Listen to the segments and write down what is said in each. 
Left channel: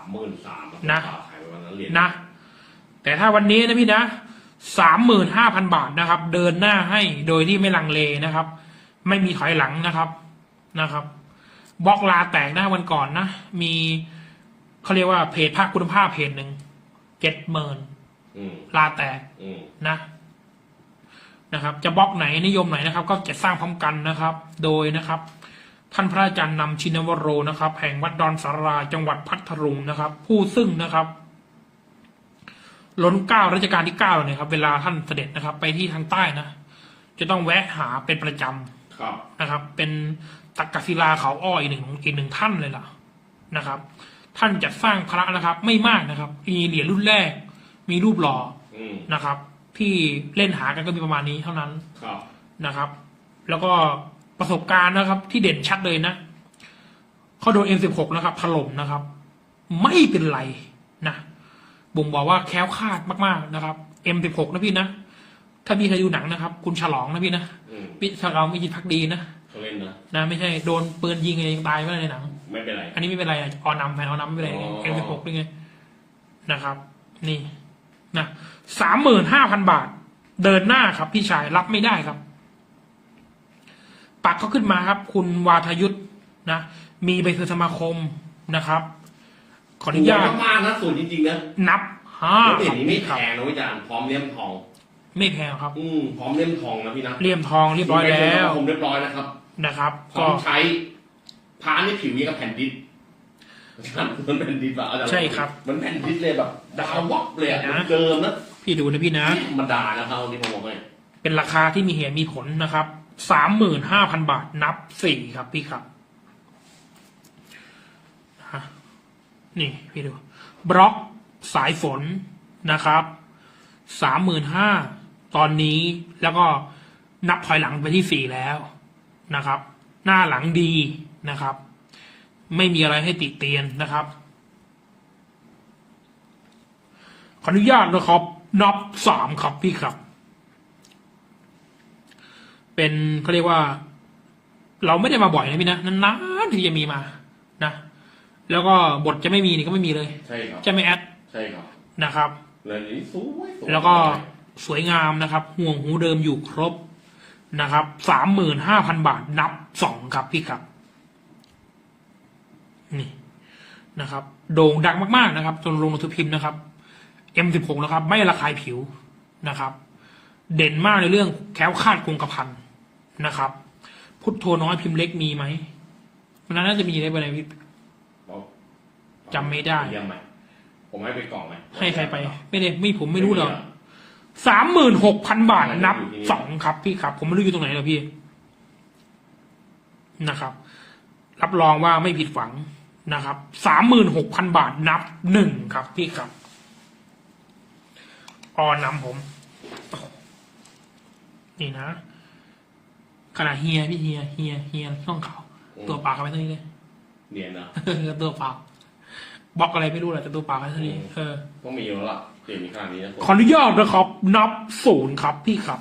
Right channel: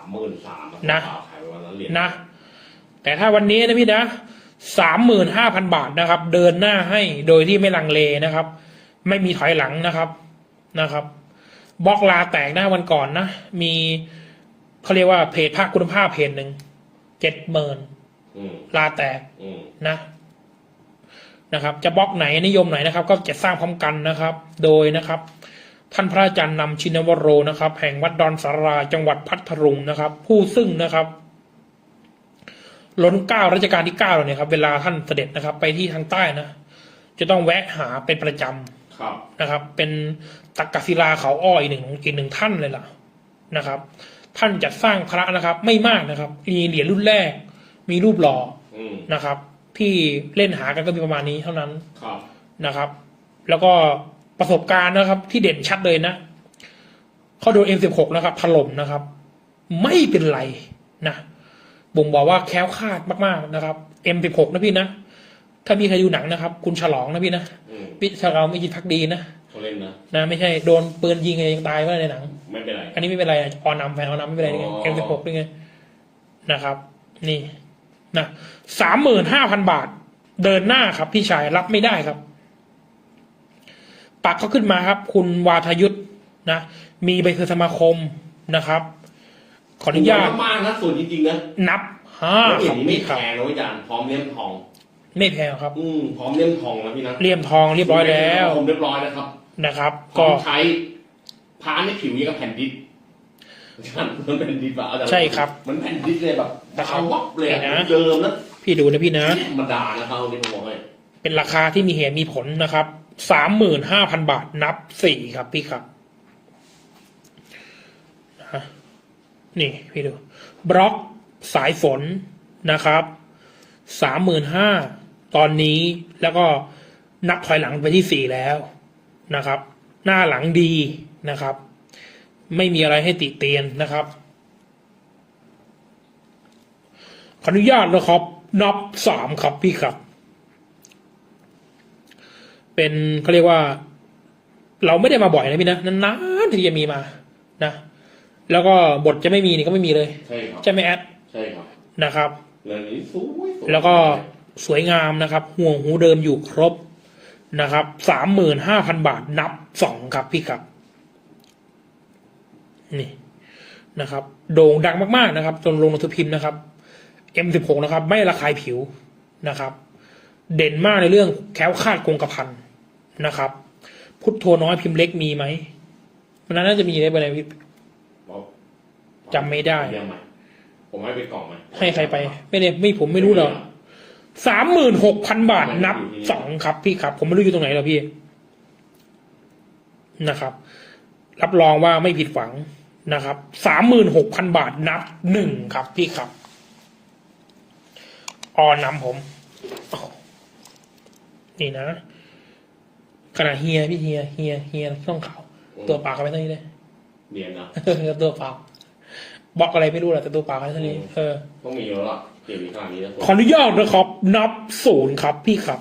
ามหมื่นสามนะขายไปวันนั้นเหรียญนะ แต่ถ้าวันนี้นะพี่นะสามหมื่นห้าพันบาทนะครับ เดินหน้าให้โดยที่ไม่ลังเลนะครับ ไม่มีถอยหลังนะครับนะครับบล็อกลาแตกหน้าวันก่อนนะ มีเขาเรียกว่าเพจภาคคุณภาพเพจหนึ่งเจ็ดหมื่นอืมลาแตกอืมนะนะครับ จะบล็อกไหนนิยมไหนนะครับ ก็จะสร้างพร้อมกันนะครับ โดยนะครับ ท่านพระอาจารย์นำชินวโรนะครับ แห่งวัดดอนสาราจังหวัดพัทลุงนะครับ ผู้ซึ่งนะครับล้นเกล้ารัชกาลที่เก้าเนี่ยครับ เวลาท่านเสด็จนะครับ ไปที่ทางใต้นะจะต้องแวะหาเป็นประจำครับนะครับ เป็นตักกศิลาเขาอ้ออีกหนึ่งอีกหนึ่งท่านเลยล่ะนะครับ ท่านจัดสร้างพระนะครับ ไม่มากนะครับ มีเหรียญรุ่นแรก มีรูปหล่ออืมนะครับ ที่เล่นหากันก็มีประมาณนี้เท่านั้นครับนะครับ แล้วก็ ประสบการณ์นะครับ ที่เด่นชัดเลยนะเขาโดน M16 นะครับถล่มนะครับ ไม่เป็นไรนะบ่งบอกว่าแคล้วคลาดมากๆนะครับ M16 นะพี่นะถ้ามีใครดูหนังนะครับ คุณฉลองนะพี่นะอืมพี่ฉลองไม่ยินพักดีนะเขาเล่นนะนะไม่ใช่โดนปืนยิงเองตายก็ในหนัง ไม่เป็นไร อันนี้ไม่เป็นไรอะออนำแฟนออนำไม่เป็นไรอ๋อเอ็มสิบหกด้วยไงนะครับ นี่นะสามหมื่นห้าพันบาท เดินหน้าครับพี่ชายรับไม่ได้ครับ ปักเขาขึ้นมาครับ คุณวาทยุทธนะ มีใบคือสมาคมนะครับ ขออนุญาตมากๆนะส่วนจริงๆนะนับห้าแล้วเหรีคยรัญบนี้ไม่พี่แพครับงนะอาจารย์พร้อมเลี่ยมทอง ไม่แพงครับ อืมพร้อมเลี่ยมทองนะพี่นะเลี่ยมทองเรียบร้อยแล้วผมเรียบร้อยนะครับ นะครับพร้อก็มใช้พาในผิวยังกับแผ่นดิสอาจารย์มันแผ่นดิสอะอาจารย์ใช่ครับ มันแผ่นดิสเลยแบบดาววับเลยอะเดี๋ยวนะเดิมนะพี่ดูนะพี่นะธรรมดานะครับนี่ผมบอกให้เป็นราคาที่มีเหตุมีผลนะครับ สามหมื่นห้าพันบาทนับสี่ครับพี่ครับนี่พี่ดูบล็อกสายฝนนะครับสามหมื่นห้าตอนนี้แล้วก็นับถอยหลังไปที่สี่แล้วนะครับ หน้าหลังดีนะครับ ไม่มีอะไรให้ติเตียนนะครับ ขออนุญาตนะครับนับสามครับพี่ครับ เป็นเขาเรียกว่า เราไม่ได้มาบ่อยนะพี่นะนานๆที่จะมีมานะแล้วก็บทจะไม่มีนี่ก็ไม่มีเลย ใช่ครับจะไม่แอดใช่ครับนะครับเรื่องนี้สวยสวยแล้วก็สวยงามนะครับ ห่วงหูเดิมอยู่ครบนะครับสามหมื่นห้าพันบาทนับสองครับพี่ครับนี่นะครับ โด่งดังมากๆนะครับ จนลงหนังสือพิมพ์นะครับ M16 นะครับ ไม่ระคายผิวนะครับ เด่นมากในเรื่องแคล้วคลาดคงกระพัน นะครับ พุทโธน้อยพิมพ์เล็กมีไหมมันน่าจะมีได้ไปไหนพี่จำไม่ได้เยี่ยมไหมผมให้ไปกล่องไหมให้ใครไป ไม่ได้ไม่ผมไม่รู้หรอกสามหมื่นหกพันบาทนับสองครับพี่ครับ ผมไม่รู้อยู่ตรงไหนหรอกพี่นะครับ รับรองว่าไม่ผิดหวังนะครับสามหมื่นหกพันบาทนับหนึ่งครับพี่ครับออนนำผมโอ้นี่นะ ขนาดเฮียพี่เฮียเฮียเฮียช่องเขาวตัวเปล่ากันไปเท่านี้เลยเนียนนะตัวเปล่าบล็อกอะไรไม่รู้แหละแต่ตัวเปล่าแค่เท่านี้เออต้องมีแล้วล่ะเดี๋ยวมีขนาดนี้นะขออนุญาตนะครับ นับศูนย์ครับพี่ครับ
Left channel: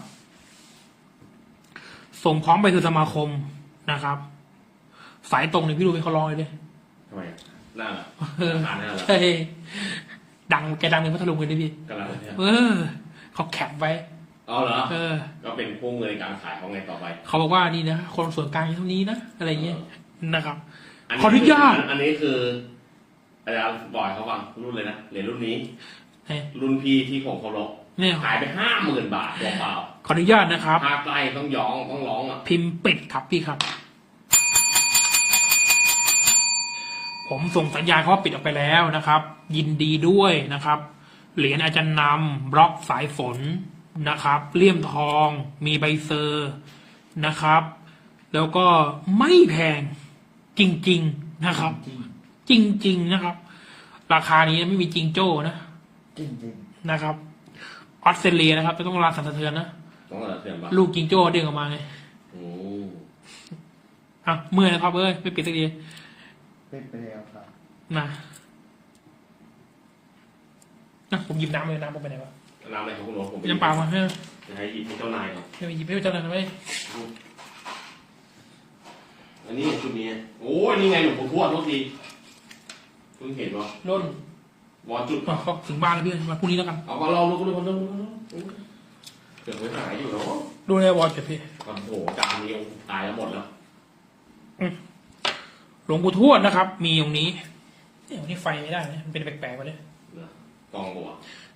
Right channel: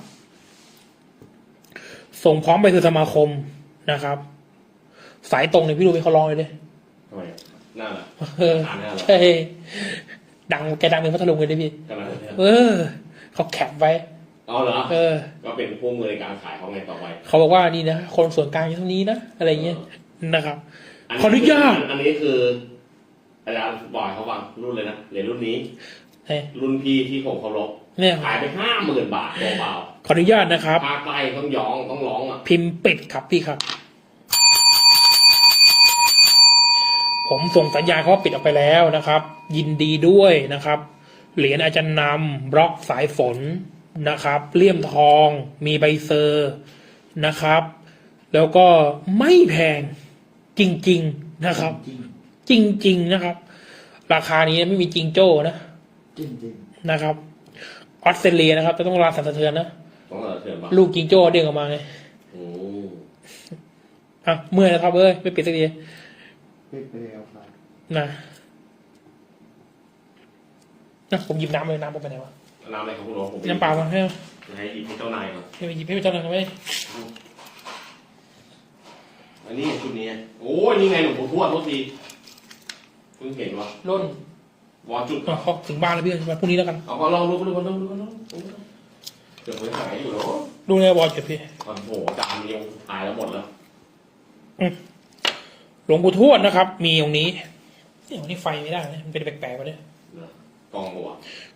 ส่งพร้อมไปคือสมาคมนะครับ สายตรงเนี่ยพี่ดูไปเขาลองเลยดิทำไมอะหน้าล่ะเอออ่านหน้าล่ะใช่ดังแกดังเป็นพัทลุงเลยดิพี่กำลังเนี่ยเออเขาแคปไว้ เอาเหรอเออ ก็เป็นพวกมือในการขายเขาไงต่อไป เขาบอกว่านี่นะคนส่วนกลางอยู่เท่านี้นะอะไรเงี้ยนะครับ ขออนุญาต อันนี้คืออาจารย์บอกให้เขาฟังรุ่นเลยนะเหรียญรุ่นนี้เฮ้ยรุ่นพี่ที่ผมเคารพเนี่ยขายไปห้าหมื่นบาทเปล่าขออนุญาตนะครับๆภาคใต้ต้องย้องต้องร้องอะพิมพ์ปิดครับพี่ครับ ผมส่งสัญญาณเขาว่าปิดออกไปแล้วนะครับ ยินดีด้วยนะครับ เหรียญอาจารย์นำบล็อกสายฝน นะครับเลี่ยมทอง มีใบเซอร์นะครับ แล้วก็ไม่แพงจริง ๆนะครับ จริง ๆนะครับ ราคานี้ไม่มีจริงโจ้นะจริงจริงนะครับออสเตรเลียนะครับจะต้องราสั่นสะเทือนนะต้องอะไรเถื่อนปะลูกจริงโจ้เด้งออกมาไงโอ้อะเมื่อยนะครับเอ้ยไม่ปิดสักทีไม่เป็นไรครับนะนะผมหยิบน้ำเลยน้ำผมไปไหนวะ น้ำอะไรครับคุณโรสผมน้ำเปล่ามาให้ให้หยิบให้เจ้านายก่อนให้หยิบให้เจ้าหน่อยนะเว้ยอันนี้ชุดนี้โอ้ยนี่ไงหลวงปู่ทวดทุกทีเพิ่งเห็นว่าร่นวอจุดอ๋อเขาถึงบ้านแล้วพี่มาพรุ่งนี้แล้วกันเอามาลองดูดูดูดูดูเกือบไม่หายอยู่แล้วดูในวอลเก็บพี่โอ้โหจานเดียวหายแล้วหมดแล้วหลวงปู่ทวดนะครับ มีตรงนี้นี่ตรงนี้ไฟไม่ได้นะมันเป็นแปลกๆวะเนี่ยกองหัว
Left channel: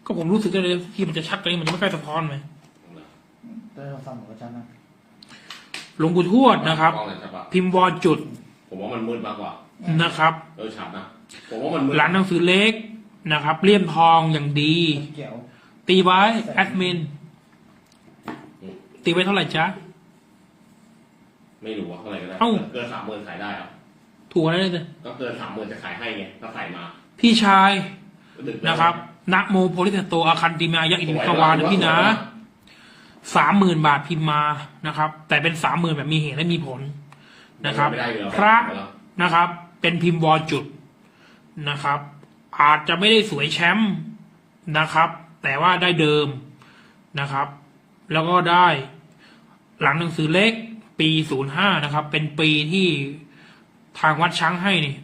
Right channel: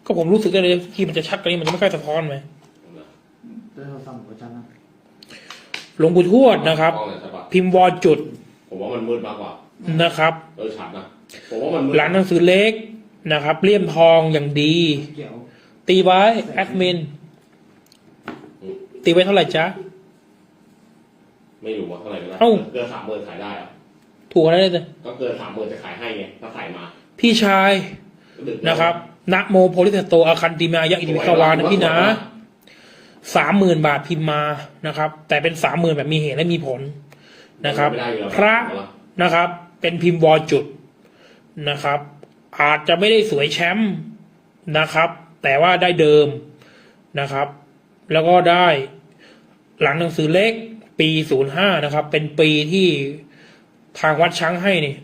ก็ผมรู้สึกได้เลยที่มันจะชัดกว่านี้มันจะไม่ค่อยสะท้อนไหมได้เราฟังของฉันนะหลวงปู่ทวดนะครับกองไหนใช่ปะพิมพ์วอลจุด ผมว่ามันมืดมากกว่านะครับเออชัดนะผมว่ามันมืดร้านหนังสือเล็กนะครับเลี่ยมทองอย่างดี เกี่ยวตีไว้แอดมิน ตีไว้เท่าไหร่จ๊ะ ไม่รู้ว่าเท่าไหร่ก็ได้เอ้า เกินสามหมื่นขายได้เหรอถูกแล้วเลยก็เกินสามหมื่นจะขายให้ไงถ้าใส่มาพี่ชายดึกนะครับ นะโมโพลิเตโตอาคันติมายะอิติวิสวานะพี่นะสามหมื่นบาทพิมพ์มานะครับ แต่เป็นสามหมื่นแบบมีเหตุและมีผลนะครับไม่ได้อยู่แล้วพระนะครับ เป็นพิมพ์วอจุดนะครับ อาจจะไม่ได้สวยแชมป์นะครับ แต่ว่าได้เดิมนะครับ แล้วก็ได้หลังหนังสือเล็กปีศูนย์ห้านะครับ เป็นปีที่ทางวัดช้างให้นี่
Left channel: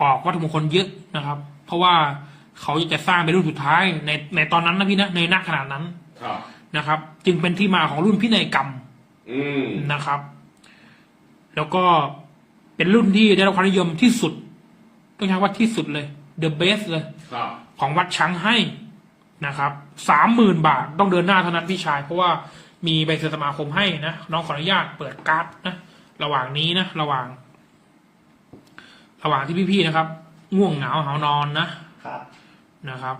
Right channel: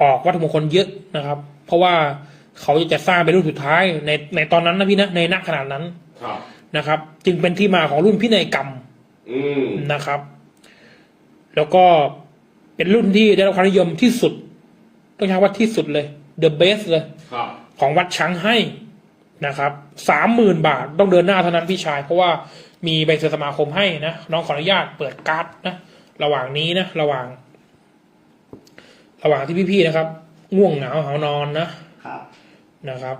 ออกวัตถุมงคลเยอะนะครับ เพราะว่า เขาจะสร้างเป็นรุ่นสุดท้ายในในตอนนั้นนะพี่นะในนักขนาดนั้นครับ นะครับ จึงเป็นที่มาของรุ่นพินัยกรรมอืมนะครับ แล้วก็เป็นรุ่นที่ได้รับความนิยมที่สุด ต้องใช้ว่าที่สุดเลย the best เลย ครับ ของวัดช้างให้นะครับสามหมื่นบาทต้องเดินหน้าเท่านั้นพี่ชาย เพราะว่ามีใบเสนอสมาคมให้นะน้องขออนุญาตเปิดการ์ดนะระหว่างนี้นะระหว่าง ระหว่างที่พี่ๆนะครับ ง่วงเหงาหานอนนะครับ นะครับ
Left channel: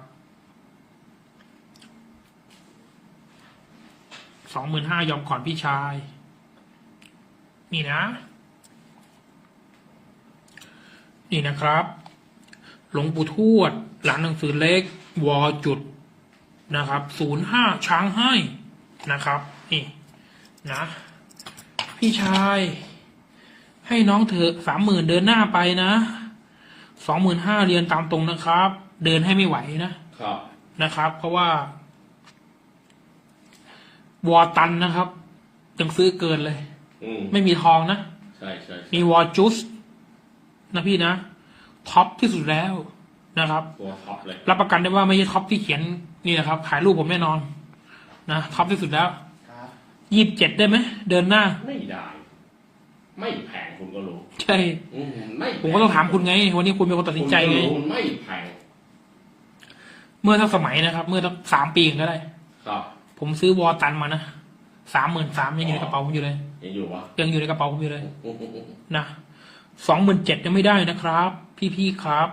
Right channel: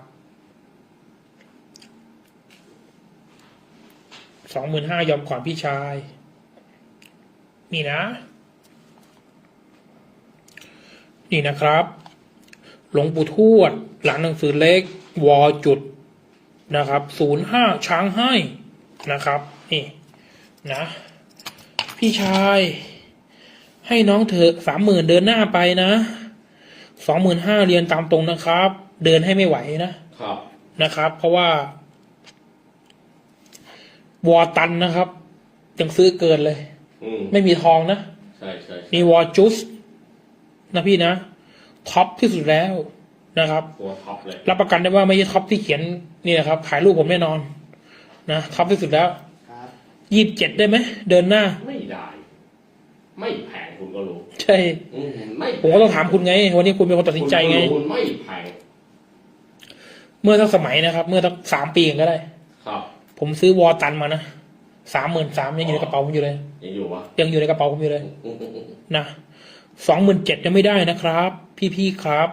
สองหมื่นห้ายอมก่อนพี่ชาย นี่นะ นี่นะครับ หลวงปู่ทวด หลานหนังสือเล็ก วอจุดนะครับศูนย์ห้าช้างให้นะครับ นี่ นะ พี่ชาย ให้น้องเถอสามหมื่นเดินหน้าไปนะสองหมื่นห้าเรียนตามตรงนะครับเดินให้ไม่ไหวนะครับนะครับ เพราะว่า วอตันนะครับ ยังซื้อเกินเลย อืมไม่มีทองนะ ใช่ใช่มีวอจุสนะพี่นะท็อปที่สุดแล้วนะครับ ตัวท็อปเลยรับประกันได้ว่าไม่ใช่ท็อปที่เขียนนี่นะครับ ขายรูปผมแน่นอน นะท็อปที่สุดแล้วครับ ยี่สิบเจ็ดได้ไหม เดินหน้า ไม่ได้ ไม่แพงคุณก็รู้ใช่ อืมไม่ผมก็ต้องถามคุณไง วันนี้คุณเป็นคนตัดสินใจไง คุณก็รู้คุณไม่แพง เมื่อสักสมัยนะครับ เมื่อสักสามปีก็ได้ ครับ ผมซื้อวอตันมานะสามหมื่นสามยังอยู่ในกระเป๋าผมอยู่เลย ยังอยู่ปะยังอยู่ในกระเป๋าผมอยู่เลยอืมอืมอืมนะสองหมื่นเจ็ดยังไม่ได้นะครับ พี่ๆครับ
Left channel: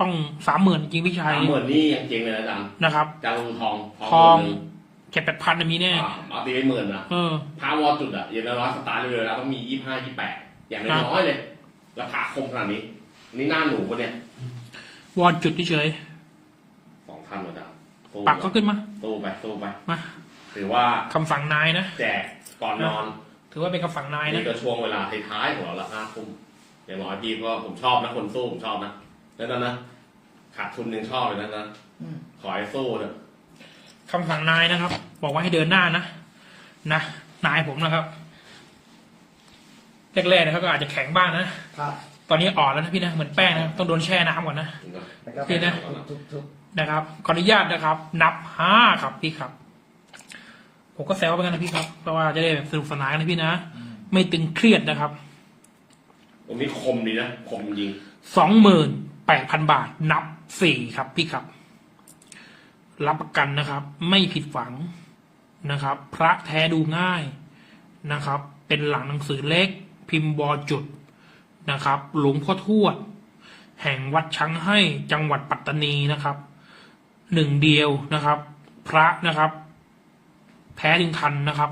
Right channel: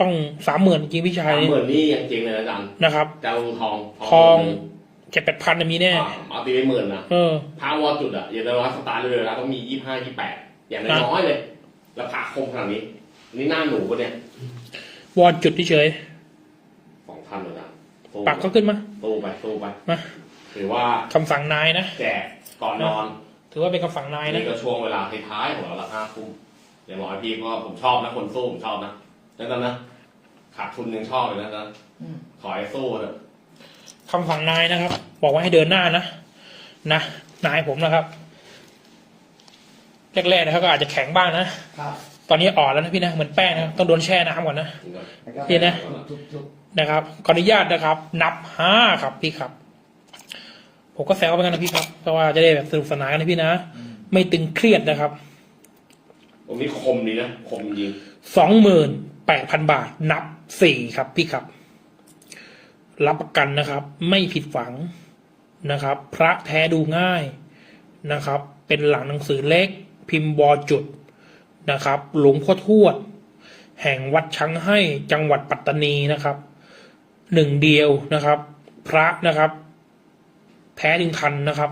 ต้องสามหมื่นจริงๆพี่ชายสามหมื่นนี่ยังจริงเลยนะอาจารย์นะครับจารุงทองทองหมื่นหนึ่เจ็ดแปดพันมีแน่อ่าเอาตีเป็นหมื่นนะเออพาวอจุดอะอย่างน้อยสตาร์ทเลยนะต้องมียี่ห้ายี่แปดอย่างน้อยๆเลยราคาคมขนาดนี้อันนี่หน้าหนูปะเนี่ยวอนจุดเฉย สองพันเหมือนกันสู้ๆปักก็ขึ้นมาสู้ไปสู้ไปมาถือว่าคำสั่งนายนะแจกก่อนนอน ถือว่าเป็นคำสั่งนายนะนี่ก็ช่วงเวลาท้ายๆของเราละห้าทุ่มอย่างน้อยพี่ก็ผมชอบนะคนสู้ผมชอบนะแล้วก็นะขาดทุนยังชอบเลยนะนะอืมขอให้สู้เถอะคำสั่งนายนะครับ บอกว่าให้เดินหน้านะนะนายผมนะครับแรกๆนะครับก็อาจจะแข็งบ้างนะครับตอนนี้อ่อนแล้วนะพี่นะเหมือนแป้งนะต้องโดนแช่น้ำก่อนนะแล้วก็เปลี่ยนนะทุกทุก นะครับขออนุญาตนะครับ นับห้าครับพี่ครับ ผมก็แซวไปกันนะพี่ครับเพราะว่าจะได้แบบสนุกสนานกันนะพี่นะอืมไม่ตึงเครียดนะครับตรงนี้คมดีนะ คมจริงสองหมื่นแปดพันบาท นับสี่ครับพี่ครับ รับประกันนะครับ ไม่ผิดหวังนะครับ พระแท้ดูง่ายนะครับ เป็นหลังหนังสือเล็ก พิมพ์บอจุดนะครับ หลวงพ่อทวด แห่งวัดช้างให้จังหวัดปัตตานีนะครับ หนึ่งเดียวนะครับ พระนะครับ แท้ถึงทันนะครับ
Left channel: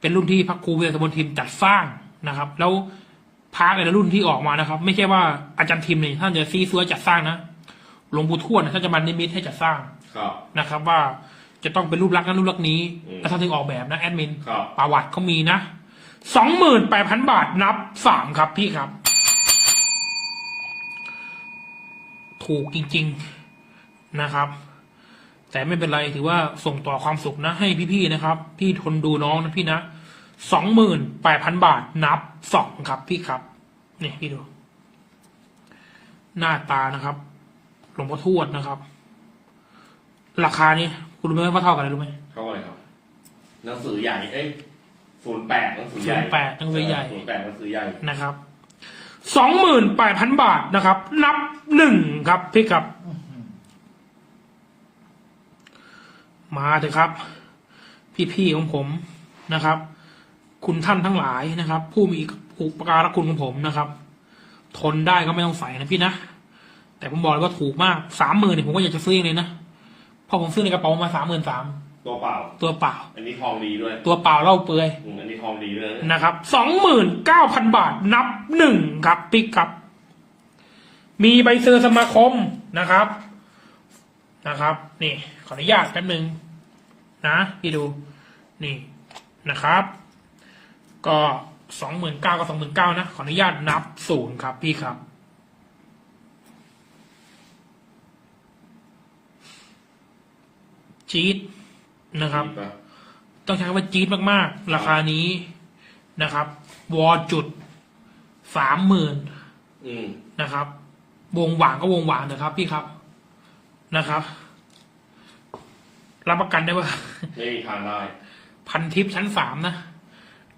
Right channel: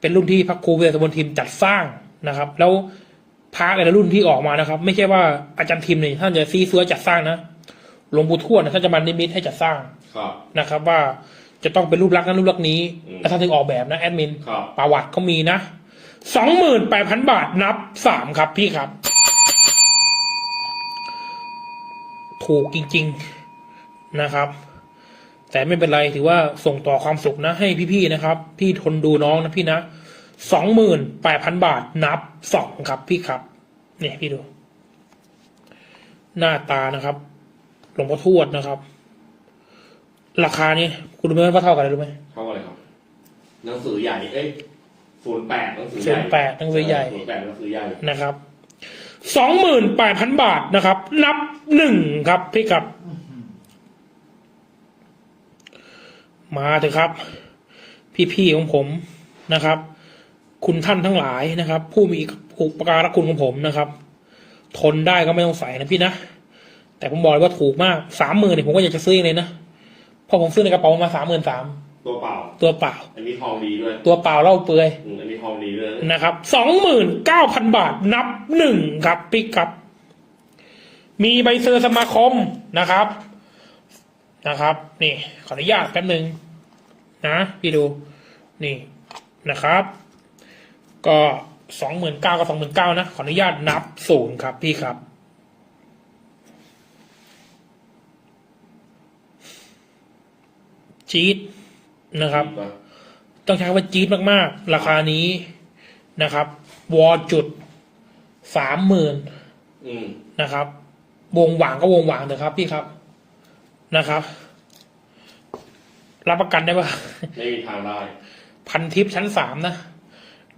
เป็นรุ่นที่พระครูเวสมนทิมจัดสร้างนะครับ แล้วพระแต่ละรุ่นที่ออกมานะครับ ไม่ใช่ว่าอาจารย์ทิมเนี่ยท่านจะซีซัวจัดสร้างนะหลวงปู่ทวดนะท่านจะมานิมิตให้จัดสร้างครับนะครับ ว่าจะต้องเป็นรูปลักษณ์นั้นรูปลักษณ์นี้อืมแล้วท่านถึงออกแบบนะแอดมินครับประวัติเขามีนะสองหมื่นแปดพันบาทนับสามครับพี่ครับ ถูกจริง ๆนะครับ แต่ไม่เป็นไรถือว่าส่งต่อความสุขนะให้พี่ๆนะครับ พี่ทนดูน้องนะพี่นะสองหมื่นแปดพันบาทนับสองครับพี่ครับเนี่ยพี่ดู หน้าตานะครับหลวงพ่อทวดนะครับ ราคานี้คุณรู้ไหมว่าเท่ากันเลยรู้ไหมเท่าไหร่ครับหนังสือใหญ่เอ้ยศูนย์แปดหนังสือใหญ่08หนังสือใหญ่ศูนย์แปดหนังสือใหญ่นะครับสองหมื่นแปดพันบาทนะครับ นับหนึ่งครับพี่ครับ มาเถอะครับ พี่ๆของผมนะครับ คุณท่านทั้งหลายนะครับ ผู้มีอุปการะคุณของผมนะครับ ทนได้ก็ไม่ต้องใส่นะพี่นะแต่ผมบอกเลยว่าถูกมากสามหมื่นเนี่ยผมก็อยากจะซื้อเองเลยนะเพราะผมซื้อในกระเป๋ามาสามหมื่นสามตัวเปล่า ตัวเปล่า อันนี้ทองดีด้วย ตัวเปล่าเล่าเปลือยอืมอันนี้ทองดีด้วยนะนะครับสองหมื่นเก้าพันบาทนับหนึ่งครับปิ๊กครับ มีใบเซอร์สมาคมนะครับ นะครับ นี่ขออนุญาตแป๊บหนึ่ง นะพี่ดูนี่นะครับ ก็สองหมื่นเก้ากับสองหมื่นเก้านะ ขออนุญาตนับศูนย์ครับพี่ครับ จี๊ดนะครับดีปะต้องใช้คำว่าจี๊ดมากๆ ราคานี้นะครับ วอจุดสามหมื่นอืมนะครับ วงหวางก็วงหวางเถอะครับ พี่ครับนะครับ รับประกันได้ว่าไม่มีทางได้ พันทิปชั้นสามนะ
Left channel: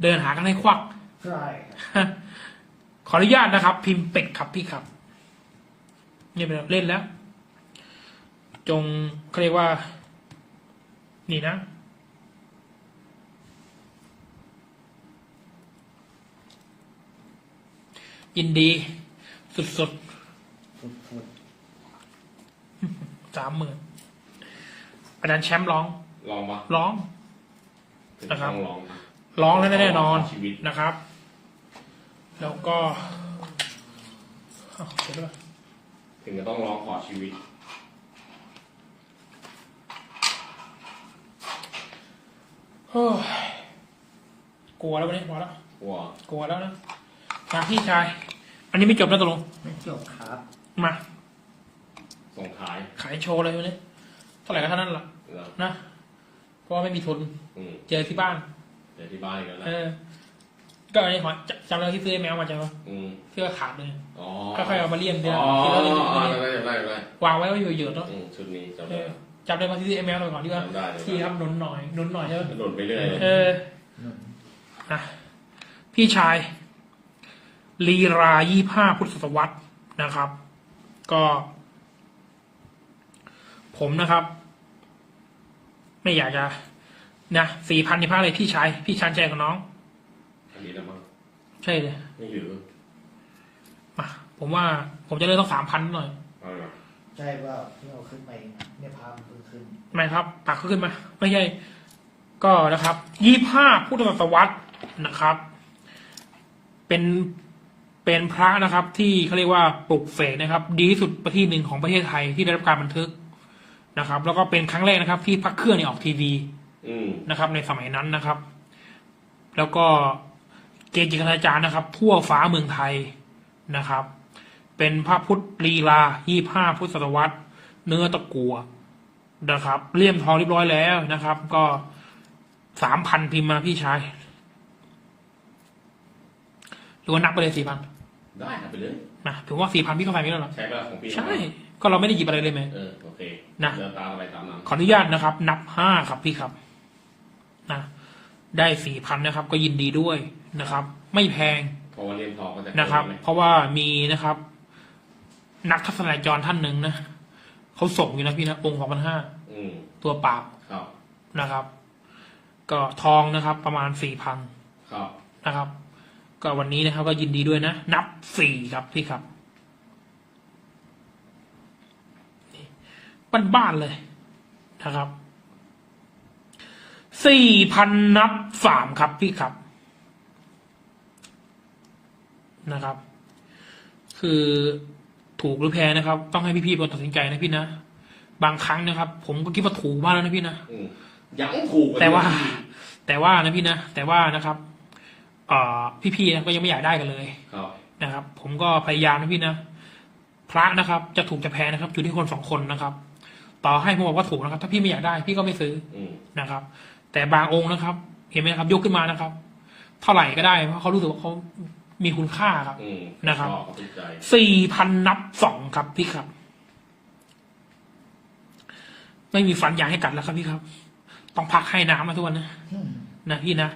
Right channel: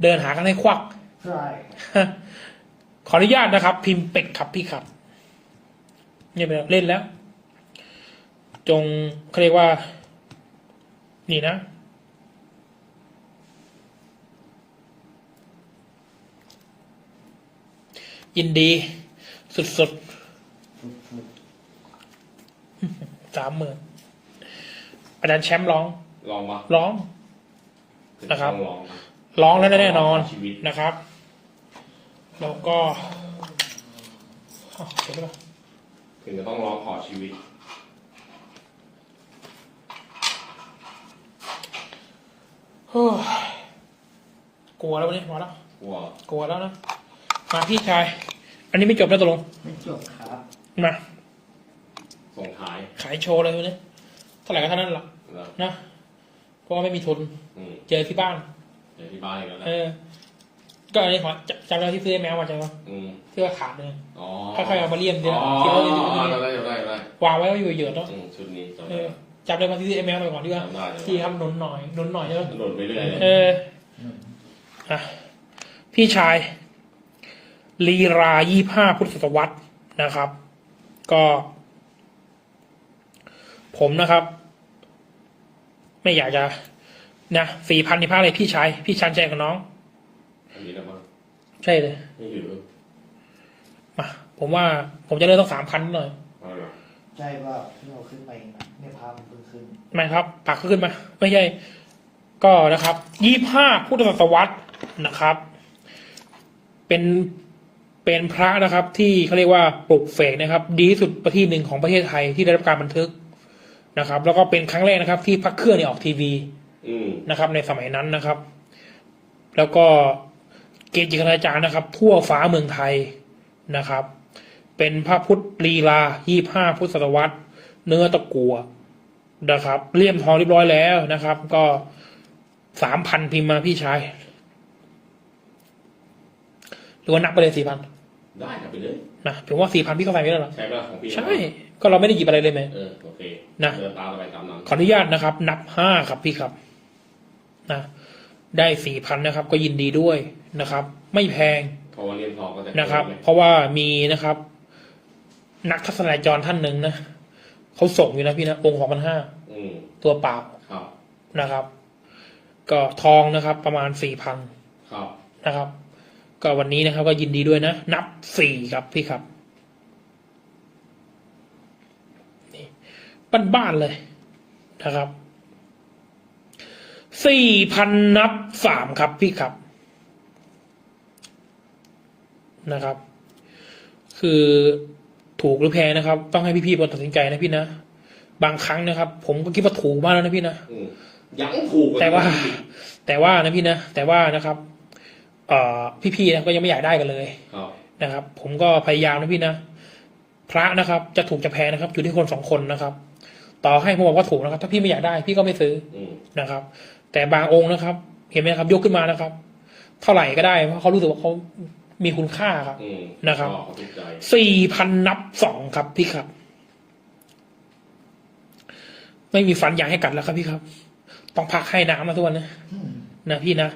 เดินหากันให้ควัก ใช่ ขออนุญาตนะครับ พิมพ์เป็ดครับพี่ครับ เนี่ยเป็นเล่นแล้ว จงเขาเรียกว่า นี่นะ ยินดี สุดฟุดฟุดๆสามหมื่น อาจารย์แชมป์ร้องลองมาร้อง นะครับต้องลองมาร้องแล้วแน่นอนชีวิตนะครับ แล้วก็อ้าวเดี๋ยวก่อนถึงจะต้องร้องขอชีวิตเฮ้ยกลัวแล้ววันนี้พอแล้ว กลัวกลัวแล้วนะ มาพี่ชาย อันนี้ไม่จบนะตกลง ไม่จบครับ มา ส่งท้าย ขายโชว์เลยวันนี้เท่าไหร่ก็เท่านั้นละ นะนะเพราะว่าไม่มีทุนอืมเจอที่บ้าน เดี๋ยวที่บ้านกันแล้วเออก็อันนี้ขอจจำได้ที่ซื้อแมวมาจังวะอืมที่ว่าขาดเลยอ๋อค่อยๆเอามาเลี่ยมเดียวอ๋อคิดว่าเล่นอยู่อ๋อที่นี่ได้ได้ได้วางไว้ก็อยู่เยอะๆเนาะอืมชุดนี้จำเอได้อจำได้มาที่ซื้อแมวไปก่อนที่ว่าจำได้จำได้ที่ครับหนุนหน่อยหนุนหน่อยใช่ไหมโดดไปเรื่อยเลยเอออะพี่ชาย ลีรายี่ห้าพุทธศตวรรษนะครับ ก็ ผมนะครับ ไม่อยากจะนะสี่พันในผ้าอะไรพี่ชายพี่ชันใจกับน้อง อันนี้นะมั้งใช่เลยไม่ถือมาผมว่าผมจะเริ่มต้องสามพันหน่อยเอาเหรอใช่ว่าที่เราขึ้นมาเองนะเนี่ยพามันเพิ่งขึ้นไม่ครับ ปากเขาขึ้นมา ไม่ใช่ ก็นะครับยี่ห้าพุทธศตวรรษนะครับ เป็นเป็นพระนะครับ ที่เขาเรียกว่าปลุกเสกนะครับ ดีที่สุดประเทศหนึ่งของประเทศไทยที่ได้รับการบันทึก นะครับ แล้วก็เป็นครั้งแรกนะครับ ที่พระเครื่องเนี่ยออกทีวีอืมนะครับ ในสมัยนั้นนะครับ แล้วก็เกจิคณาจารย์นะครับ ทั่วฟ้าเมืองไทยนะครับ เป็นพระพุทธลีลายี่ห้าพุทธศตวรรษ เนื้อตะกัวนะครับเลี่ยมทองเรียบร้อยแล้วนะครับ ก็สามพันพิมพ์มาพี่ชายหรือว่านับไปเลยสี่พันได้นะไปเลยนะผมว่าสี่พันพี่เข้าไปไม่ได้หรอใช้ป่ะของพี่ใช่ ก็เราไม่ได้หยิบอะไรเลยไหม เออโอเคนะ เดินตามอะไรตามนั้นขออนุญาตนะครับ นับห้าครับพี่ครับนะได้สี่พันนะครับ ก็ยินดีด้วยนะครับ ไม่แพงเพราะว่าเลี่ยมทองก็จะนะครับเกินเพราะว่ามีนะครับ นักทัศนายจรท่านหนึ่งนะเขาส่งอยู่นะพี่นะองค์สองพันห้าอืมตัวเปล่าครับ นะครับ ก็ทองนะครับ ประมาณสี่พันครับ นะครับ ก็วันนี้นะครับ ก็ยินดีด้วยนะ นับสี่ครับพี่ครับนี่ บ้านๆเลยนะครับสี่พันนับสามครับพี่ครับนะครับ คือถูกหรือแพงนะครับ ต้องให้พี่ๆเป็นคนตัดสินใจนะพี่นะบางครั้งนะครับ ผมก็คิดว่าถูกมากแล้วนะพี่นะอืมยังถูกกแต่ว่านี้แต่ว่านะพี่นะแต่ว่านะครับ เอ่อพี่ๆนะก็ยังไม่อยากได้กันเลยครับนะครับ ผมก็พยายามนะพี่นะพระนะครับ จะถูกจะแพงนะครับ อยู่ที่คนสองคนนะครับ ต่อให้ผมบอกว่าถูกนะครับ ถ้าพี่ไม่อยากได้พี่ก็ไม่ซื้ออืมนะครับ แต่บางองค์นะครับ เห็นไหมครับ ยกขึ้นมานะครับ เท่าไหร่ก็ได้เพราะเขารู้สึกว่าเขามีคุณค่าครับอืมนะครับชอเขาติดใจสี่พันนับสองครับพี่ครับ ไม่มีฟันยางให้กัดแล้วครับพี่ครับ ต้องพักให้น้ำนะทุกวันนะอืมนะพี่นะ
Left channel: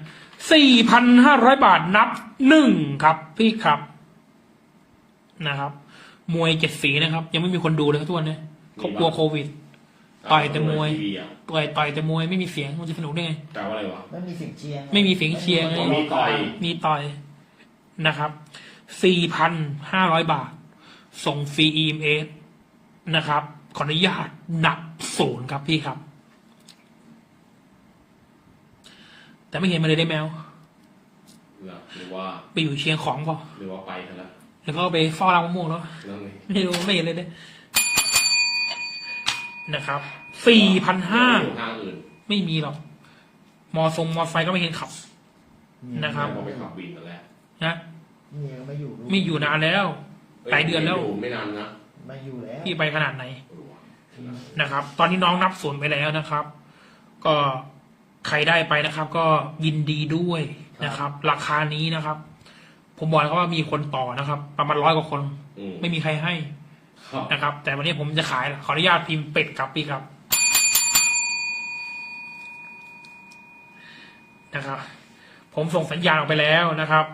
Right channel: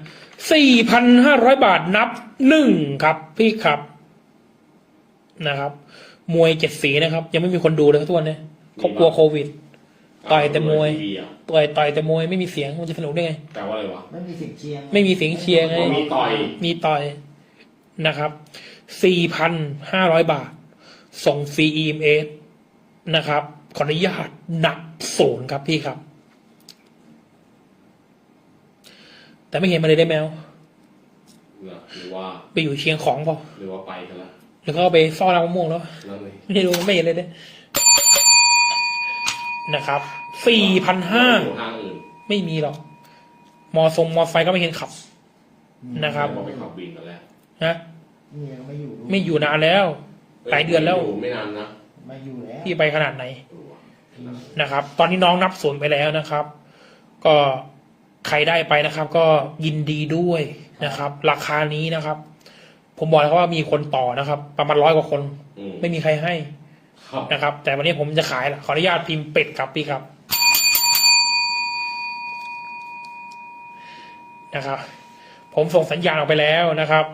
สี่พันห้าร้อยบาทนับหนึ่งครับ พี่ครับนะครับ มวยเจ็ดสีนะครับ ยังไม่มีคนดูเลยครับทุกวันนี้เขากลัวโควิด ต่อยแต่มวยทีอะต่อยต่อยแต่มวยไม่มีเสียงมันจะสนุกได้ไงแปลว่าอะไรวะ ไม่มีเสียงเชียร์งไม่มีเสียงเชียร์ไง มีต่อย มีต่อยนะครับสี่พันห้าร้อยบาท ส่งฟรี EMS นะครับ ขออนุญาตหนักศูนย์ครับพี่ครับ แต่ไม่เห็นมาเลยได้แมวนะหรือว่าไปอยู่เชียงของเปล่าหรือว่าไปซะแล้วหรือเขาเอาไปเฝ้ารังมะม่วงแล้วนั่นเองไม่รู้ไม่เห็นเลยเนี่ย นะครับสี่พันห้าอยู่ห้างอื่นไม่มีหรอก มอทรงมอไซค์ก็ไม่เห็นขับ นะครับแล้วก็ไปขับวินกันแล้วนะเมียก็ไม่อยู่ด้วยไม่อยู่นานแล้ว หลายเดือนแล้วยู่ไม่นานนะไม่อยู่แล้วพี่ไปขนาดไหนเออว่ะนะครับ ตอนนี้น้องนับศูนย์ไปแล้วนะครับ ก็ใครได้ไปนะครับ ก็ยินดีด้วยนะครับ ราคานี้นะครับ ผมบอกแล้วว่ามีคนต่อนะครับ ประมาณร้อยกว่าคน อืมไม่มีใครให้ ครับ นะครับ แต่วันนี้ผมจะขายละขออนุญาตพิมพ์เป็ดครับพี่ครับ นะครับ ผมส่งสัญญาณออกไปแล้วนะครับ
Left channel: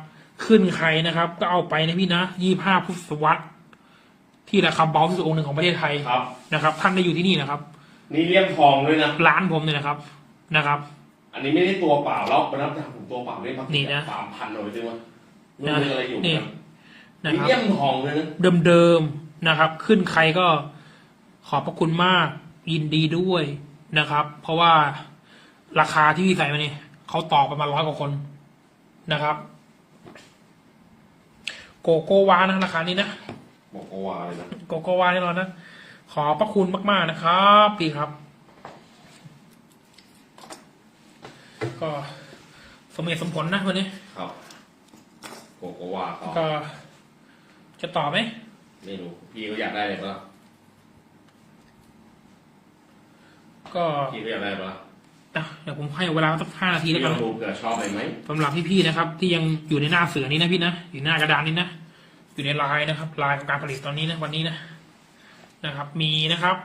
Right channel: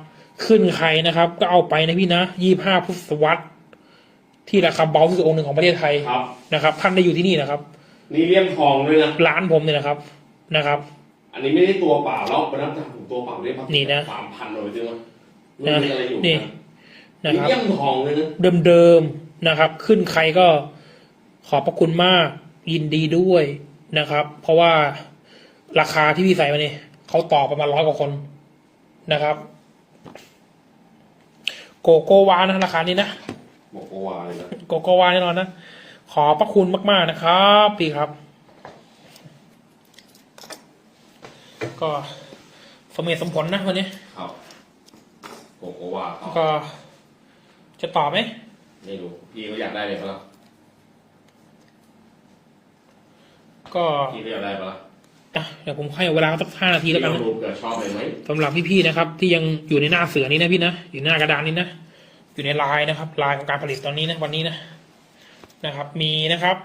ขึ้นใครนะครับ ก็เอาไปนะพี่นะยี่ห้าพุทธวัตรที่ราคาเบาที่สุดองค์หนึ่งของประเทศไทยครับ นะครับ ท่านได้อยู่ที่นี่นะครับ นี่เลี่ยมทองด้วยนะ ร้านผมเนี่ยนะครับ นะครับ อันนี้ไม่ได้ตัวเปล่าแล้วเป็นน้ำหนักของตัวเปล่าได้มานี่นะ สามพันเลยจริงวะไม่มีอะไรอยู่นี่นะนะนี่ครับเลี่ยมทองเลยนะ เดิมๆ นะครับ ขึ้นใครก็ขอบพระคุณมากยินดีด้วยนะครับ เพราะว่าราคาที่พี่ใส่มาเนี่ยเขาต่อประมาณร้อยกว่าคนนะครับ โกโกวานะราคานี้นะบอกก็ว่าเลยนะโกโกวาแน่นอนนะขอบพระคุณมาก ๆ นะครับพี่ครับ ก็สมเหตุสมผลนะวันนี้ครับบอกก็ว่าต่อก็จะต่อไหม ไม่รู้ พี่ก็อยากได้เลยปะล่ะก็พี่ก็อยากได้ปะล่ะอะเดี๋ยวผมให้เวลาสักห้านาทีแล้วกันพี่นะก็รู้เกิดชอบอะไรไหมสำหรับพี่ๆนะครับ ที่ยังอยู่ในหน้าเสือนี้นะพี่นะอยู่หน้ากระดานนี้นะอยู่ในลายนะครับลายของการผลิตตอนนี้นะวันนี้นะนะครับ มีนะครับ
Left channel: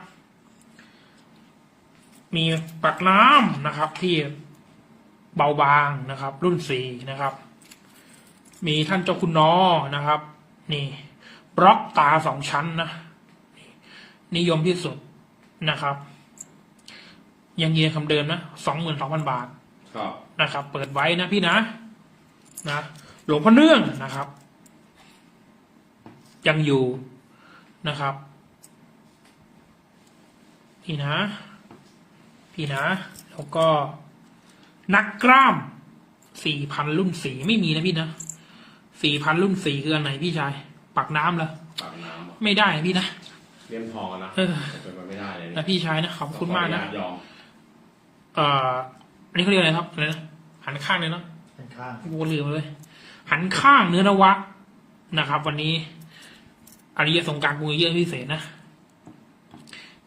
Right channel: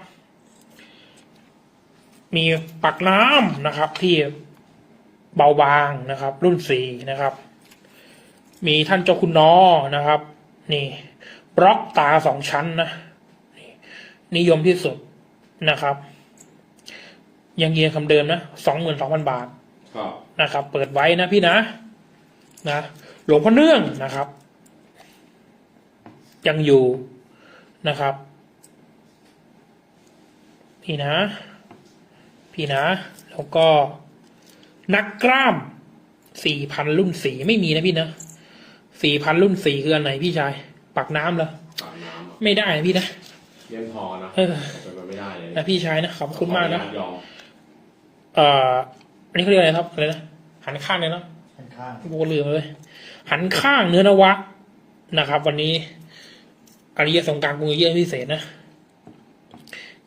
มีปักน้ำนะครับ ที่เบาบางนะครับ รุ่นสี่นะครับ มีท่านเจ้าคุณนอนะครับ นี่บ ล็อกตาสองชั้นนะนี่นิยมที่สุดนะครับ ยังเยียนคำเดิมนะสองหมื่นสองพันบาทครับนะครับ เปิดไว้นะพี่นะนะหลวงพ่อเนื่องนะครับ ยังอยู่นะครับ พี่นะ พี่นะ แล้วก็นักกล้ามสี่พันรุ่นสีไม่มีนะพี่นะสี่พันรุ่นสีคืออันไหนพี่ชาย ปักน้ำเลยปากน้ำอะไม่ได้นะพี่นะ เลี่ยมทองนะเออเป็นไปไม่ได้เลยนะพี่ชายนะขอบคุณมากนะขออญยอมเอ่ออันนี้เขาเรียกอะไรนะครับอะไรนะหันข้างเลยเนาะข้างข้างกูลืมไปเลยหันข้างเนื้อนวะนะครับ วันนี้อริยสงกรารกรุงเยอะพิเศษนะ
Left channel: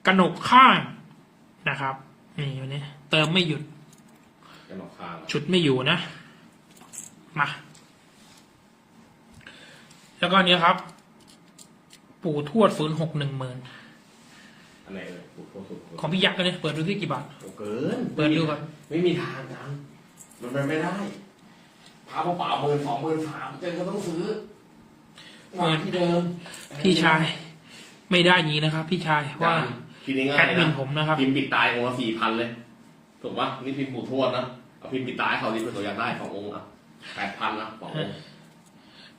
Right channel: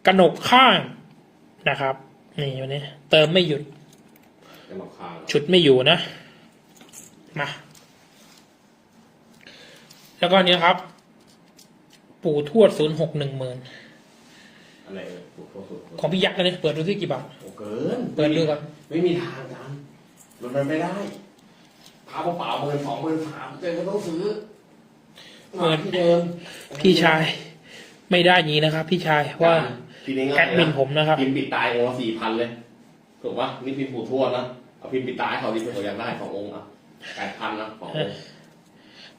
กระหนกข้างนะครับนี่วันนี้เติมไม่หยุดเป็นหลอกข้างฉุดไม่อยู่นะ มา แล้วก็เนี้ยครับ ปู่ทวดศูนย์หกหนึ่งหมื่นอะไรเออถูกโทษถูกโทษของพี่ยักษ์กันเนี่ยเปิดดูที่กี่บาท โอ้เกินเปิดดูก่อน ไม่มีทางจานมันเป็นไม่ได้พาเปล่าๆหมื่นสองหมื่นสามเจนก็ต้องซื้อมาที่เดิมพี่ชาย ไม่ได้อย่างนี้นะครับ พี่ชายว่าทีนี้ง่าแอยดมินผมนะครับพิมพ์ปิดตายองค์ละสี่พันเลย ถูกปะนี่พิมพ์ปู่ทวดนะเอาพิมพ์ปิดตายให้เขาที่เป็นตัวอย่างได้ขององค์อะแปดพันนะขององค์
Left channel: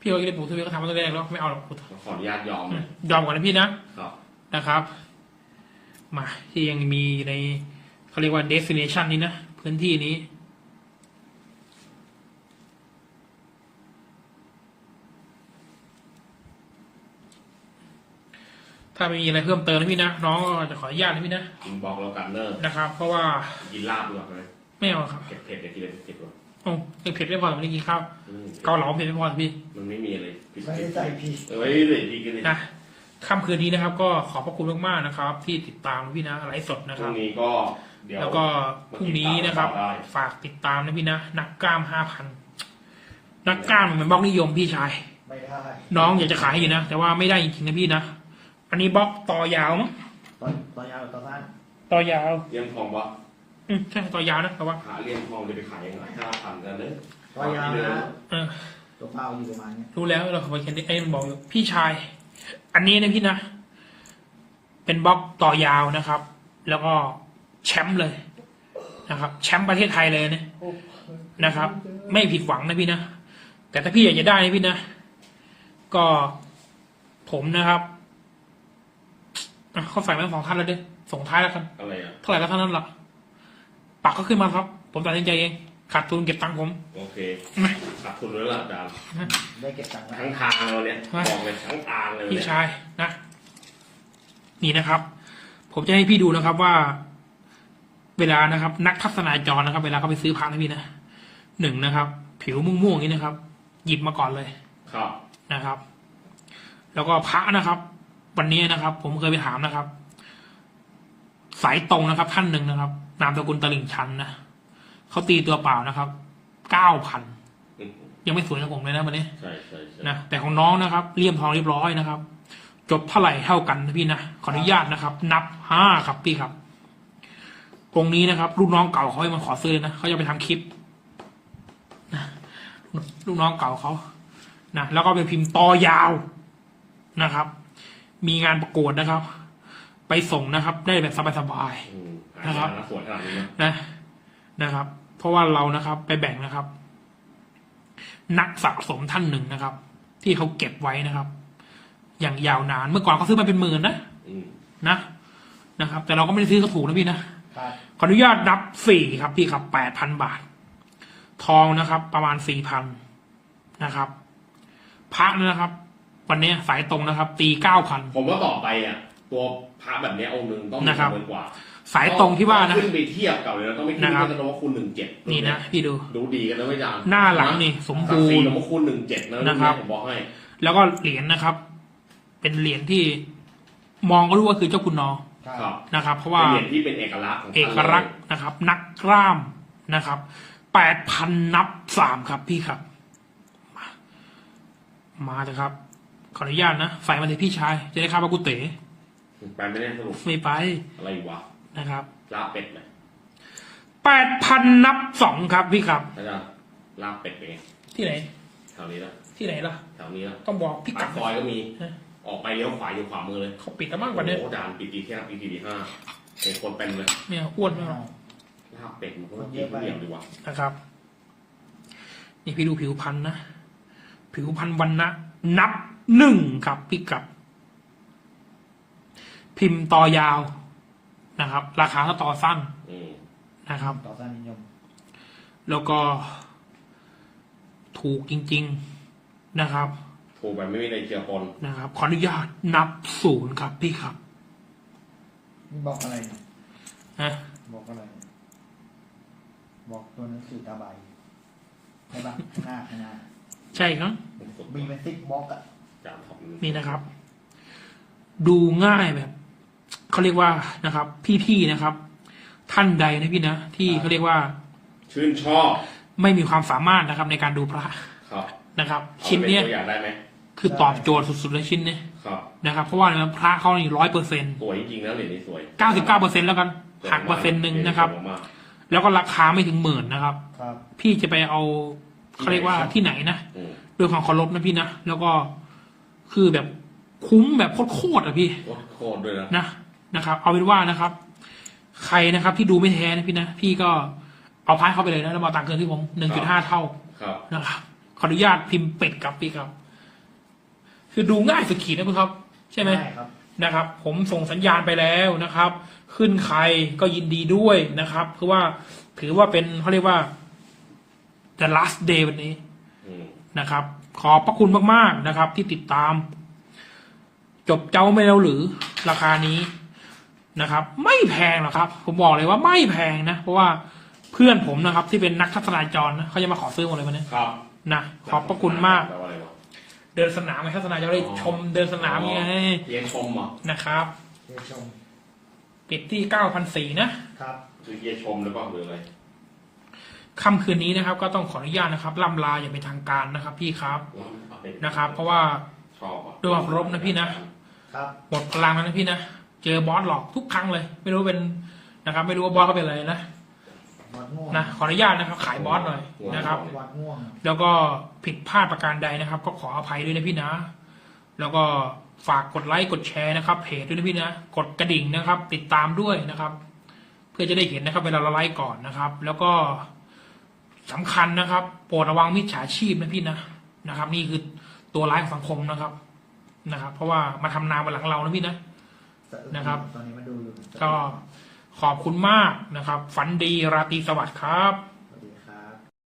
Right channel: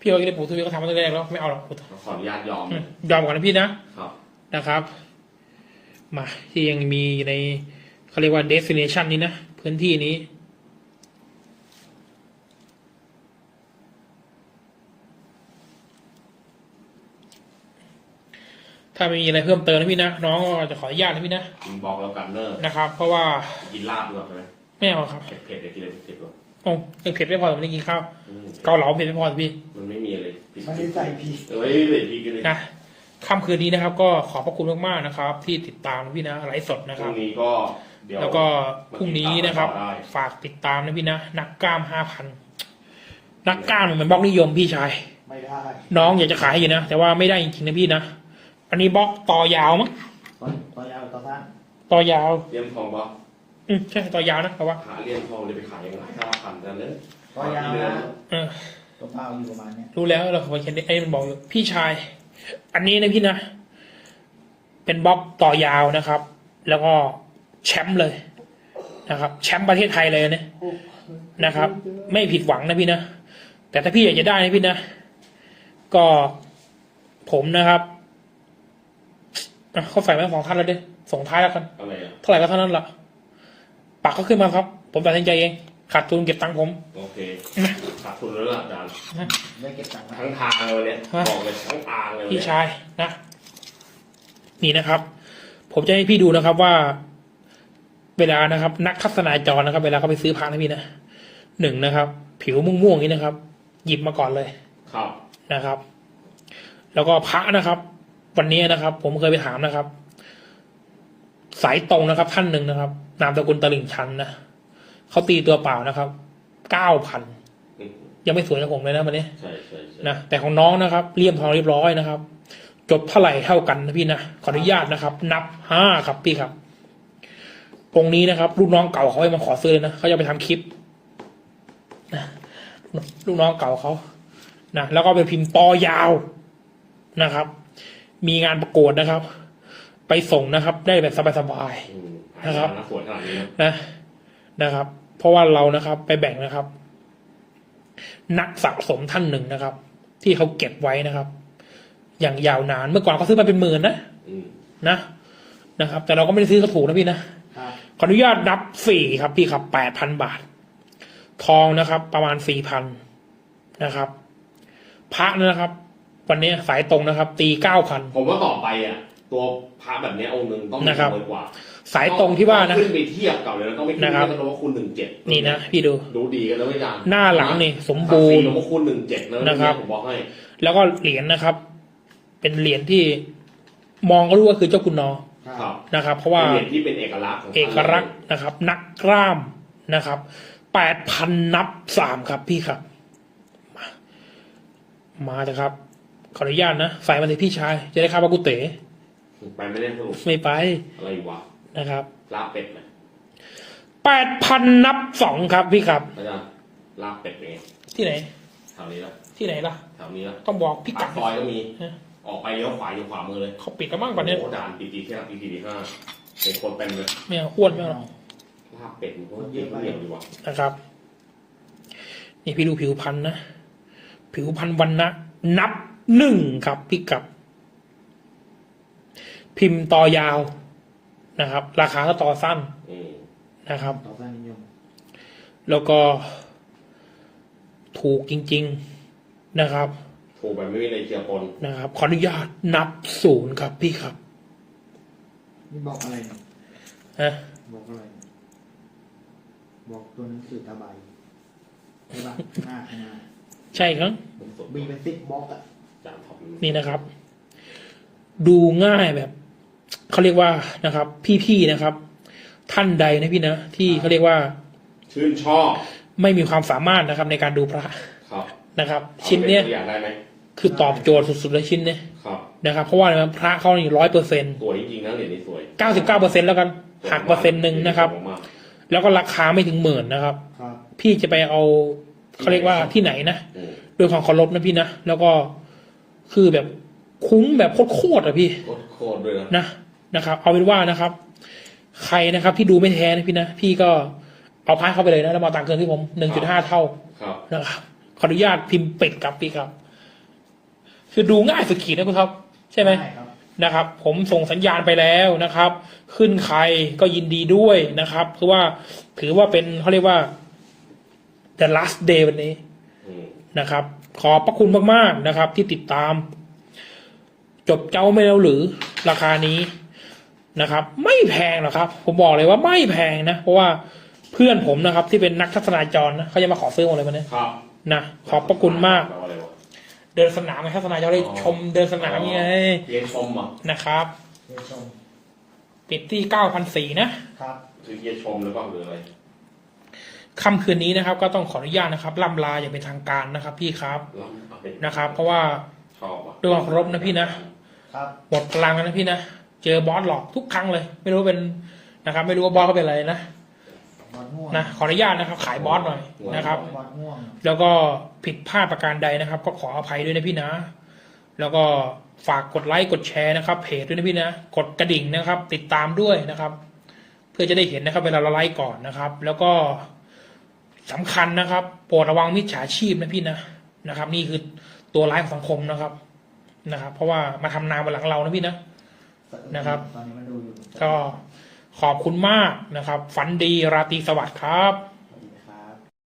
พี่ว่าจะได้ปู่ทวดก็ทำมาตั้งแต่แรกแล้วไม่เอาหรอกปู่ทวดขออนุญาตยอมอืมยอมก่อนนะพี่นะครับนะครับ มาที่ยังมีในเขาเรียกว่า destination นี้นะพื้นที่นี้ถ้ามีอะไรเพิ่มเติมนะพี่นะน้องก็จะขออนุญาตนะพี่นะพิมพ์บอกแล้วกันเนอะนะครับ เพราะว่ากินลาบดีกว่าไหมไม่เอาครับเผ็ดเผ็ดๆเดี๋ยวกินเลยเผ็ดๆหรอก โอ้ยังเผ็ดไม่พอแต่ไม่ได้กินข้าวอืมเกาเหลาเผ็ดไม่พอพี่มันไม่มีอะไรผิดไม่ได้ใส่พีเออไม่ได้ผิดกินเลยนะค่ำคืนนี้นะครับ ก็ขอบพระคุณมากๆนะครับ ที่ติดตามนะพี่นะไลฟ์สดนะพครุ่รังบนี้ก็เดี๋ยว แล้วก็พรุ่งนี้นะครับ ได้ ฝากติดตามนะพี่นะนักกล้ามห้าพันนักกล้ามมันบล็อกนิยมพี่ชาย ไม่ได้น้องอยากจะขายให้อยู่นะ แต่ว่าไม่ได้จริงๆนะพี่นะ อันนี้บล็อกต่อยาวมั้งตอนตอนยาวหรือตอนสั้นต่อยาวเลี่ยมทองวะ อืมใช่ต่อยาวนะแต่ว่าหาเลี่ยมทองจะไปขายยังไงห้าพันกันเลยตอนยาวนะเออตัวเปล่าอยู่ประมาณเนี้ยรู้แล้วเราขอเขียนไอ้มันบอกอยู่พี่ชาย อันนี้นะพี่นะ เป็นบล็อกต่อยาวนะครับ แล้วก็แชมป์เลยนะครับ แชมป์ประเทศไทยเลยนะนะครับ ไม่ผิดหวังนะพี่นะแต่ถ้าพี่อยากจะได้นะพี่นะ ก็ผมนะครับอะเขาใส่มาสองท่านแล้วเด้ส่งท้ายแล้วกันอะไรอะเท่าไหร่ก็เท่านั้นล่ะ ปักก็ขึ้นมาครับ ผมตัดสินใจเองขาดทุนเก็บตังค์ผมโอเคนะขาดทุนแล้วล่ะอาจารย์ไม่เก็บตังค์ไว้ทั้งทางเลยเนี่ยฮะบอกเลยทั้งทางเลยพี่เนี่ยชายนะนี่นะครับ ผมจะให้พี่ดูนะครับว่า เวลานะครับ นักทัศนาจรนะครับ เวลาเขาไปซื้อพระนะพี่นะหนึ่งนะครับ ผิวม่วงๆอย่างนี้นะครับ หยิบมาก่อนเลย ครับนะครับ แล้วก็พระนะครับ วันนี้นะครับ ผมเคยไปถามนะครับ สายตรงนะครับ ท่านหนึ่งนะครับ นามสกุลตลิ่งชันนะเขาตีตัวเปล่านะครับเก้าพันอืมยังไม่สวยกับผมเลยนะวันนี้ใช่ใช่ใช่นะแต่ของน้องนะครับเลี่ยมทองเรียบร้อยนะครับ จบเท่าไหร่เท่ากันนะพี่นะขออนุญาตนะครับ นับห้าครับพี่ครับองค์นี้นะครับลูกน้องเก่าเขาให้มาขอซื้อเลยนะเขาจะไปทำคลิปนะลูกน้องเก่าเขานะแล้วก็ไปพิมพ์ต่อยาวนะครับ มีงานประกวดนะครับ ไปส่งนะครับ ได้แบบสบายๆอืมนะครับหาสวนขนาดนี้นะนะนะครับ เพราะว่าเรานะครับ ไปแบ่งนะครับ นักสะสมท่านหนึ่งนะครับ ที่เขาเก็บไว้นะครับ อย่างยาวนานเมื่อก่อนเขาซื้อมาเป็นหมื่นนะอืมนะนะครับ แต่เราก็ไม่ได้ซื้อเขาถูกนะพี่นะ ครับขออนุญาตนับสี่ครับพี่ครับแปดพันบาท ทองนะครับ ประมาณสี่พันนะครับ พระนะครับ วันนี้สายตรงนะครับ ตีเก้าพันผมว่าต่อไปอะ ตัวพระแบบเนี้ยองค์หนึ่งต้องมีนะครับจำนวนกว่าสายตรงที่ว่านะต้องขึ้นไปเทียบกับเลยนะต้องไม่ขึ้นนะครับ เทียบกันว่าคูณหนึ่งเจ็ดนี่นะพี่ดู ดูดีกันแล้วไม่จางหน้าหลังนี่สมบูรณ์หลวงพ่อคูณหนึ่งเจ็ดนะนะครับ ผมบอกให้แล้วก็เหรียญนะครับ เป็นเหรียญที่มองก็รู้ว่าคือเจ้าคุณนอครับครับนะครับ เพราะว่าเป็นเหรียญที่เป็นเอกลักษณ์ของเอกลักษณ์นะครับ นักกล้ามนะครับแปดพันนับสามครับพี่ครับ มามาเถอะครับ ขออนุญาตนะ ใส่มาเลยพี่ชาย จะได้ข้าวปลากุเต๋ ไปไม่ได้สรุปไม่ไปอะไรวะนะครับลาบเป็ดไหมแปดพันนับสองครับพี่ครับอาจารย์ลาบเป็ดเป็นไงที่ไหนแถวนี้นะที่ไหนล่ะแถวนี้นะต้องบอกพี่ปากักดซอยก็มีฮะออกไปเลี้ยวขวาอยู่ขวามือเลยเขาปิดกันบ้างกว่านี้โอ้โหด่านปีปีแค่ปีปีที่ห้าเป็นคนเต็มเลยไม่เอาอ้วนไม่เอาลาบเป็ดมันก็เยอะเหนียวดีว่ะนะครับ นี่พี่ดูผิวพันธุ์นะ ผิวพันธุ์วันนะนับหนึ่งครับพี่กัด พิมพ์ต่อยาวนะครับ ราคาก็ต่อสั้นอืมนะครับ ต่อสั้นนิยมแล้วก็ถูกจริง ๆนะครับ ถูกไปไม่มีอะไรเกี่ยวปนนะครับ ขออนุญาตนับศูนย์ครับพี่ครับนี่บอกอะไรเนี่ยนะบอกอะไรเนี่ยบอกตัวหนังสือตาใบใช่ปะหน้าข้างหน้าใช่ครับ ผมสุดมีเป็นซิกบล็อกอะจานท็อปนี่นะครับ ดูง่ายแบบ เขาเรียกว่านะครับ พี่ๆนะครับ ท่านใดนะพี่นะที่เขาเรียกว่า ชื่นชอบไม่มีความสามารถนะครับ ในการดูพระครับนะครับ ชิ้นเนี้ยอาไปป็ตัวอย่างได้ไหมคือตอบโจทย์สุดๆเลยชิ้นเนี้ยครับนะครับ เพราะว่าอะไรนะพระเขานี่ร้อยเปอร์เซ็นต์สวยจริงๆนะเหรียญนี้สวยเก้าสิบเก้าเปอร์เซ็นแล้วกันหักเปอร์เซ็นต์หนึ่งนะครับ สวยมากแล้วก็ราคาไม่ถึงหมื่นนะครับ ครับ พี่จะไปเอาเขาเรียกว่าที่ไหนนะอืมด้วยความเคารพนะพี่นะแล้วก็คือแบบคุ้มแบบโคตรๆอะพี่โคตรด้วยนะนะ นะครับ เอาเป็นว่านะครับ ใครนะครับ ที่ดูไม่แท้นะพี่นะพี่ก็เอาพายเข้าไปเลยนะแล้วมาเอาตังค์คืนที่ผมหนึ่งจุดห้าเท่าครับนะครับขออนุญาตพิมพ์เป็ดครับพี่ครับ คือดูง่ายสุดขีดนะพี่ครับ ใช่ไหมด้ครับนะครับ ผมส่งสัญญาณไปแล้วนะครับ ขึ้นใครก็ยินดีด้วยนะครับคือว่าถือว่าเป็นเขาเรียกว่า the last day วันนี้อืมนะครับ ขอบพระคุณมาก ๆ นะครับ ที่ติดตาม จบเจ้าไม่แล้วหรือราคานี้ นะครับ ไม่แพงหรอกครับ ผมบอกเลยว่าไม่แพงนะ เพราะว่าเพื่อนผมนะครับ ที่เป็นนักทัศนาจรนะเขาจะมาขอซื้อหมดเลยวันนี้ครับนะขอบพระคุณมากแปลว่าอะไรวะเดินสนามไงทัศนาจรเลยชมเดินสนามไงเรียนชมเหรอะนะครับ เดี๋ยวชมปิดที่เก้าพันสี่นะครับ คือเรียนชมหรือเปล่าหรืออะไรค่ำคืนนี้นะครับ ก็ต้องขออนุญาตนะครับล่ำลาอย่างเป็นทางการนะครับ พี่ครับเราเอาเป็นนะครับ เพราะว่าชอบอะด้วยความเคารพนะพี่นะ ครับ หมดพลังแล้วนะพี่นะ เจอบอสหลอกทุกครั้งเลย ไม่รู้เป็นนะครับ ไม่รู้ว่าบอสเขาเป็นอะไรนะวัดง่วงนะขออนุญาตนะครับ ขายบอสหน่อยนะครับวัดง่วงแล้วก็ผิดพลาดประการใดนะครับ ก็ขออภัยด้วยนะพี่นะ แล้วก็ฝากกดไลค์กดแชร์นะครับ เพจด้วยนะพี่นะกดกระดิ่งนะครับ ติดตามด้วยนะครับ เพื่อจะได้เห็นนะครับ เวลาเราไลฟ์ก่อนนะครับ แล้วก็สำคัญนะครับ โปรดระวังมิจฉาชีพนะพี่นะนะครับ นี่คือตัวร้ายของสังคมนะครับนะครับ เพราะว่ามาทำนาบนหลังเรานะพี่นะ นะครับ ตอนนี้มันดูอยู่ ก็ขอบคุณมากนะครับ ฝันดีราตรีสวัสดิ์ครับ